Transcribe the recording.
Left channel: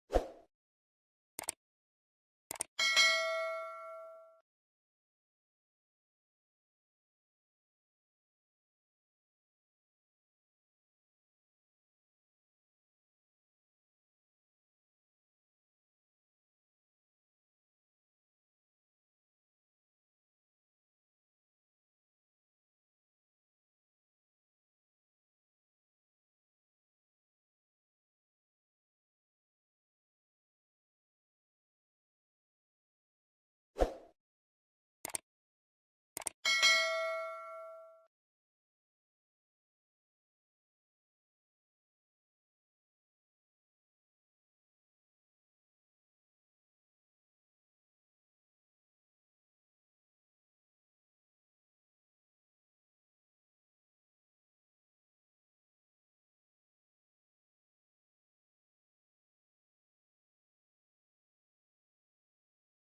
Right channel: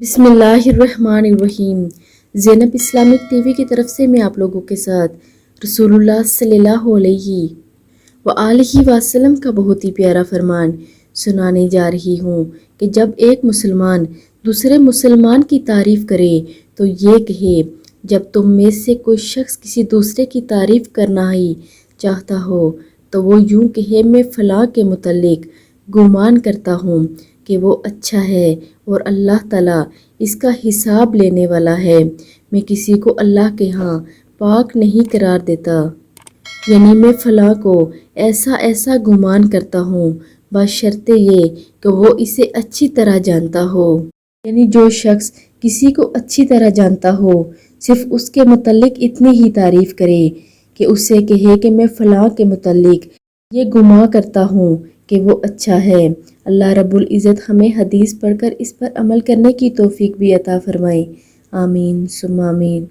بسم اللہ الرحمن الرحیم۔ زینب اسلامک ٹی وی کی طرف سے میں آپ لوگوں کے ساتھ رسول اللہ صلی اللہ علیہ وآلہ وسلم کا بہت ہی پیارا فرمان سنانے جا رہی ہوں کہ جب ایک مسلمان دوسرے مسلمان کی تعریف کرے تو یہ کہے، جب تم میں سے کوئی شخص کسی دوسرے کی تعریف کرنا ہی چاہتا ہو تو وہ یوں کہے، میں فلاں کے متعلق گمان کرتا ہوں کہ وہ اچھا ہے اور اللہ تعالیٰ اس کا حساب لینے والا ہے۔ میں کسی کو اللہ کے ہاں پاک نہیں قرار دیتا، یعنی میں فلاں کو ایسا ایسا گمان کرتا ہوں بشرطِ یہ کہ وہ اسے اچھی طرح جانتا ہو۔ یعنی جو شخص کسی کو اچھی طرح جانتا ہو صرف اس کے متعلق اتنی ہی تعریف کرے کہ اسے کہے کہ میں فلاں کے متعلق یہ گمان کرتا ہوں کہ وہ اچھا ہے۔ اللہ رب العزت ہمیں حدیث پڑھ کر اس پر عمل کرنے کی توفیق بھی عطا فرمائے۔ آمین ثم آمین۔